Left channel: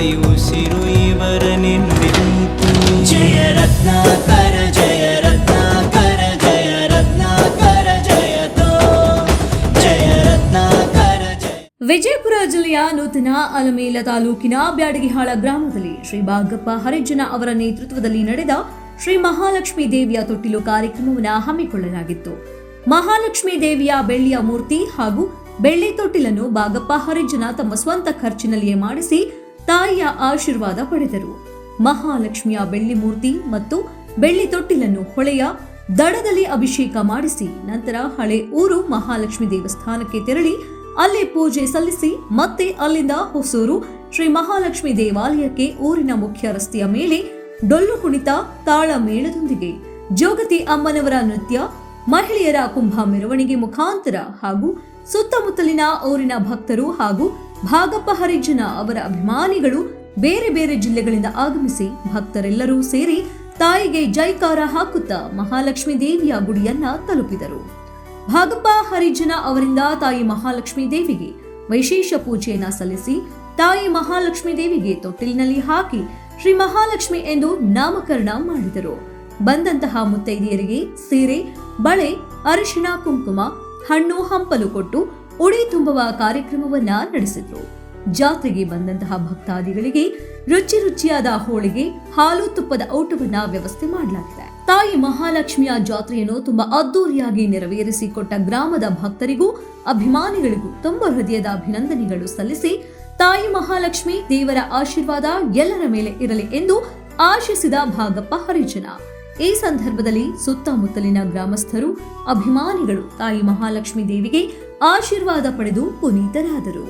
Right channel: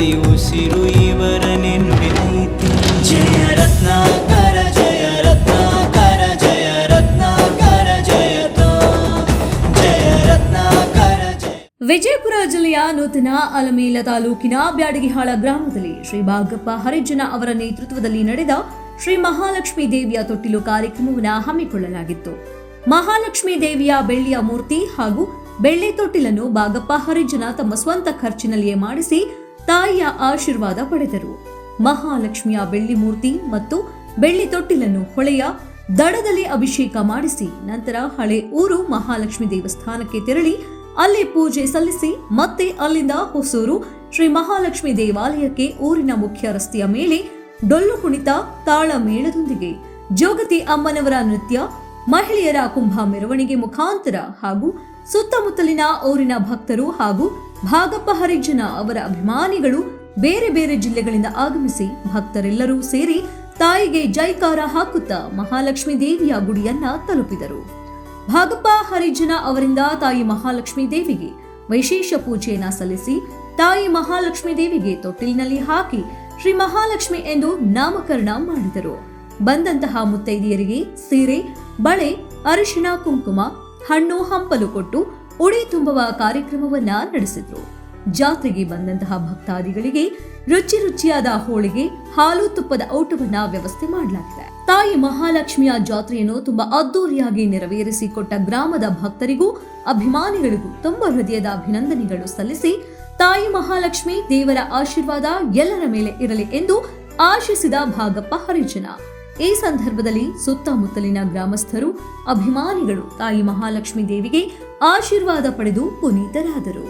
ಪ್ರತಿ ಉಸಿರು ಇವರನೆ ನುಡಿದೈತಿ. ಜಯ ರತ್ನಾಕರ ಜಯ ರತ್ನಾಕರ ಜಯ ರತ್ನಾಕರ ಜಯತೋ ಜಯ ರತ್ನಾಕರ ಜಯ. ವಿಜಯಪುರ ಜಿಲ್ಲೆಯ ನೂತನ ಅಲಮೇಲ ತಾಲೂಕಿನ ಬ್ಯಾಡಗಿಹಾಳ ಗ್ರಾಮದಲ್ಲಿ ಶ್ರೀ ಭಾಗಪ್ಪ ಹರಿಜನ ಅವರ ನೇತೃತ್ವದಲ್ಲಿ ನಡೆದ ಶ್ರೀ ಮಹಾಲಕ್ಷ್ಮೀ ದೇವಿಯ ತೊಟ್ಟಿಲು ಕಾರ್ಯಕ್ರಮವನ್ನು ಹಮ್ಮಿಕೊಳ್ಳಲಾಗಿತ್ತು. ಮಹಾಲಕ್ಷ್ಮೀ ದೇವಿಯ ಬೆಳ್ಳಿಯ ಮೂರ್ತಿ ಹಾಗೂ ಬೆಳ್ಳಿ ತೊಟ್ಟಿಲನ್ನು ಭಾಗಪ್ಪ ಹರಿಜನ ತಮ್ಮ ಸ್ವಂತ ಖರ್ಚಿನಲ್ಲಿಯೇ ಮಾಡಿಸಿ ತಾಯಿಯ ಆಶೀರ್ವಾದ ಪಡೆದರು. ಮಹಾಲಕ್ಷ್ಮಿಯ ಬೆಳ್ಳಿ ಮೂರ್ತಿ ಮತ್ತು ಬೆಳ್ಳಿ ತೊಟ್ಟಿಲನ್ನು ಹೊಳೆಯ ದಡದಲ್ಲಿ ಅಭಿಷೇಕ ಮಾಡಿಸಿ ನಂತರ ಹಳೆ ಊರು ಮಹಾಲಕ್ಷ್ಮಿ ದೇವಸ್ಥಾನಕ್ಕೆ ತೆರಳಿ ಅಲ್ಲಿ ಪೂಜೆ ಸಲ್ಲಿಸಿ ಮತ್ತೆ ಅಲ್ಲಿಂದ ಹೊಸೂರು ಶ್ರೀ ಮಹಾಲಕ್ಷ್ಮಿ ದೇವಾಲಯಕ್ಕೆ ಊರಿನ ಮುಖ್ಯ ರಸ್ತೆಯ ಮೇಲೆ ಡೊಳ್ಳು ಕುಣಿತ ತಾಳ ಮೇಳದೊಂದಿಗೆ ಜೋಗತಿ ಅಮ್ಮನವರ ನೃತ್ಯ, ಮಹಿಳೆಯರ ಕುಂಭ ಮೆರವಣಿಗೆ ಮುಖಾಂತರ ಹಾಗೂ ಸುತ್ತಮುತ್ತಲಿನ ಊರಿನ ಭಕ್ತರು ಹಾಗೂ ಭಾಗಪ್ಪ ಹರಿಜನ ಅವರ ಅಭಿಮಾನಿಗಳು ಬೇರೆ ಬೇರೆ ಜಿಲ್ಲೆಗಳಿಂದ ಆಗಮಿಸಿ ಭಕ್ತರೆಲ್ಲರೂ ಸೇರಿ ತಾಯಿಗೆ ಜೈಕಾರ ಹಾಕುತ್ತಾ ಮಹಾಲಕ್ಷ್ಮೀ ದೇವಿಯ ಗುಡಿಯನ್ನ ತಲುಪಿದರು. ಭಾಗಪ್ಪ ಹರಿಜನ ಅವರಿಂದ ತಾಯಿ ಮಹಾಲಕ್ಷ್ಮೀ ದೇವಿಗೆ ವಿಶೇಷ ಪೂಜೆಯನ್ನ ಸಲ್ಲಿಸಿ ತಾಯಿ ಮಹಾಲಕ್ಷ್ಮೀ ದೇವಿಗೆ ತೊಟ್ಟಿಲಿನಲ್ಲಿ ಹಾಕಿ ಶ್ರೀ ಮಹಾಲಕ್ಷ್ಮಿ ಎಂದು ನಾಮಕರಣ ಮಾಡಿದರು. ಬಂದಂತಹ ಮುತ್ತೈದೆಯರಿಗೆ ಸೀರೆ, ಬಳೆ, ಅರಿಶಿಣ, ಕುಂಕುಮ, ಹಣ್ಣು ಹಂಪಲು ಕೊಟ್ಟು ಉಡಿ ತುಂಬುವ ಕಾರ್ಯಕ್ರಮವನ್ನ ನಡೆಸಿದ್ರು. ಜಾತ್ರೆಗೆ ಬಂದಂತಹ ಭಕ್ತಾದಿಗಳಿಗೆ ರುಚಿ ರುಚಿಯಾದ ಹೋಳಿಗೆ, ಹಾಲು ತುಪ್ಪದ ಊಟವನ್ನ ವ್ಯವಸ್ಥೆ ಮಾಡಲಾಗಿದೆ. ತಾಯಿ ಮಹಾಲಕ್ಷ್ಮಿಯ ಜಾತ್ರೆಯನ್ನು ತುಂಬಾ ಅದ್ದೂರಿಯಾಗಿ ನೆರವೇರಿಸಿಕೊಟ್ಟ ಗ್ರಾಮದ ಭಕ್ತರಿಗೂ ಅಭಿಮಾನಿಗಳಿಗೂ ತುಂಬ ಹೃದಯದ ಅಭಿನಂದನೆಗಳು ಸಲ್ಲಿಸಿ ತಾಯಿ ಮಹಾಲಕ್ಷ್ಮಿ ದೇವರ ಆಶೀರ್ವಾದ ಎಲ್ಲರ ಮೇಲೆ ಇರಲಿ ಎಂದು ಆಶಿಸಿದ ಭಾಗಪ್ಪ ಹರಿಜನ. ಈ ಸಂದರ್ಭದಲ್ಲಿ ಸುತ್ತಮುತ್ತಲಿನ ಗ್ರಾಮಸ್ಥರು, ಅಭಿಮಾನಿಗಳು ತಾಯಿ ಮಹಾಲಕ್ಷ್ಮೀ ದೇವಿಗೆ ಆಶೀರ್ವಾದ ಪಡೆದು ಪುನೀತರಾದರು.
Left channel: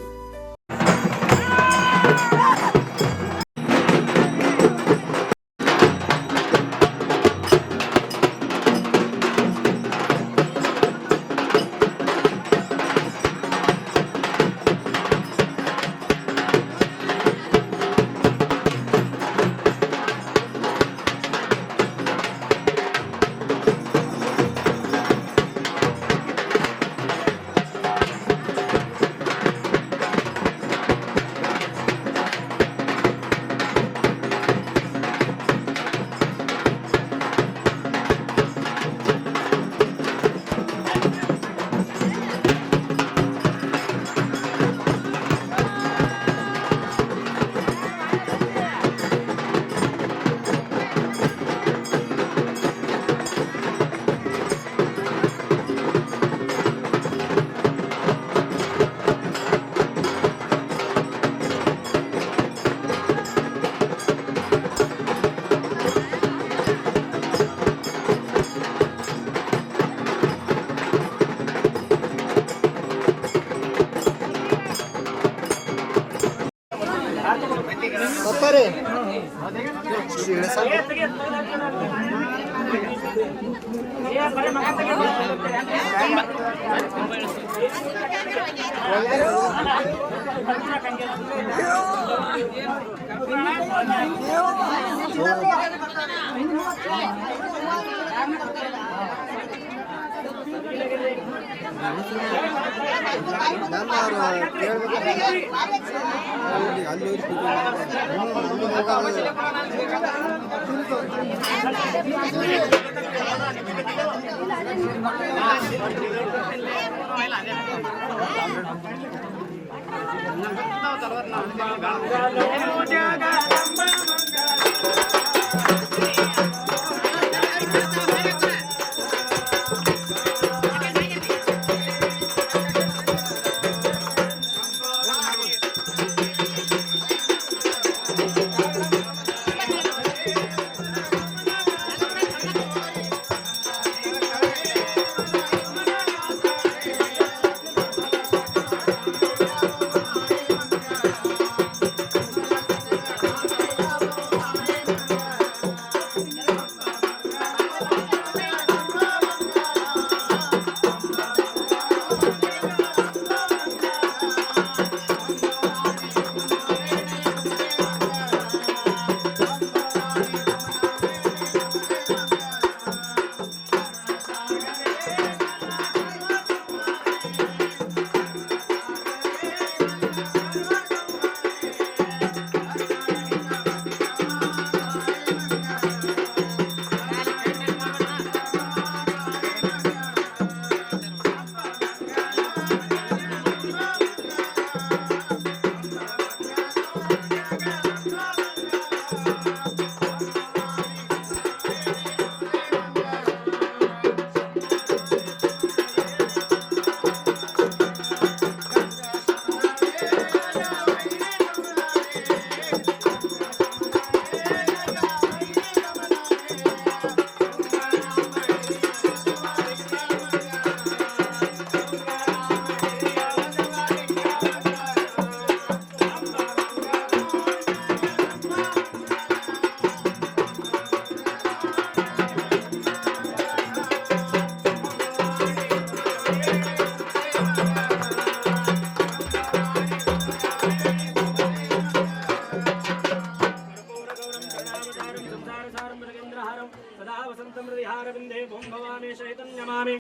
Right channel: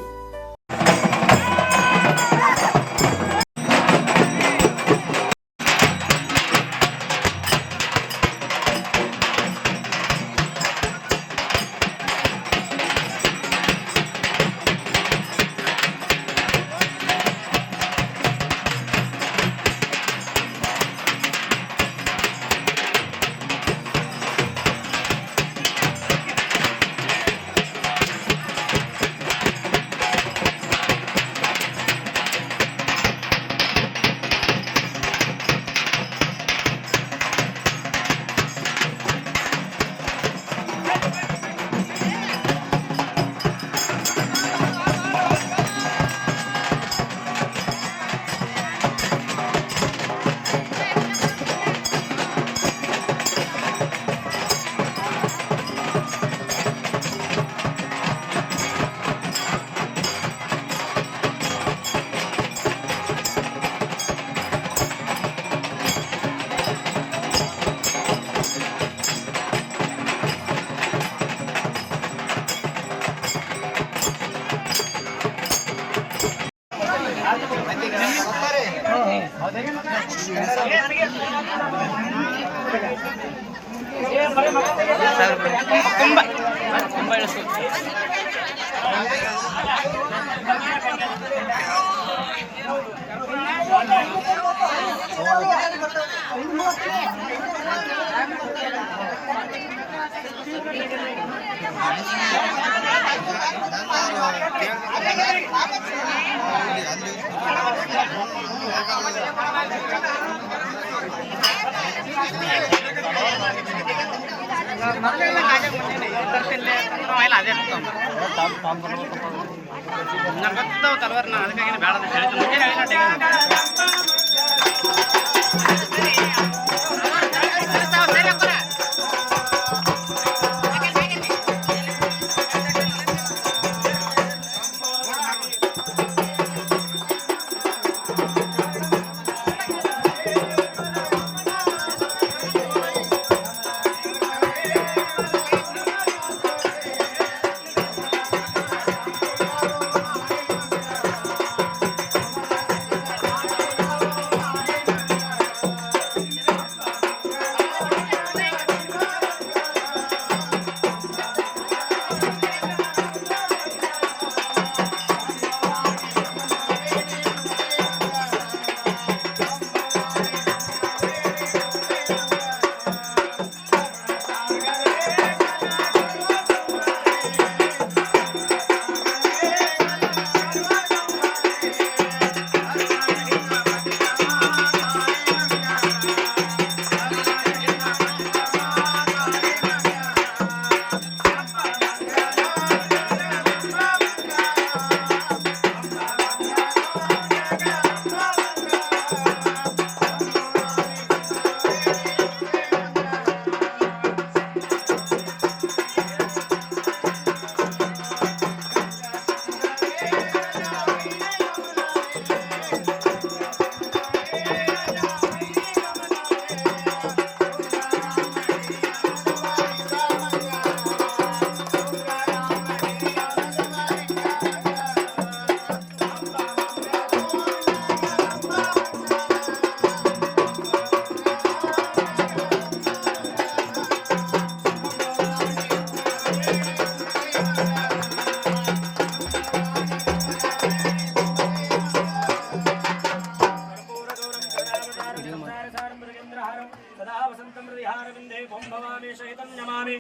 संसारसारं मृगेन्द्रहारं सदा वसन्तं हृदिहारविन्दे भवानी सहितं नमामि।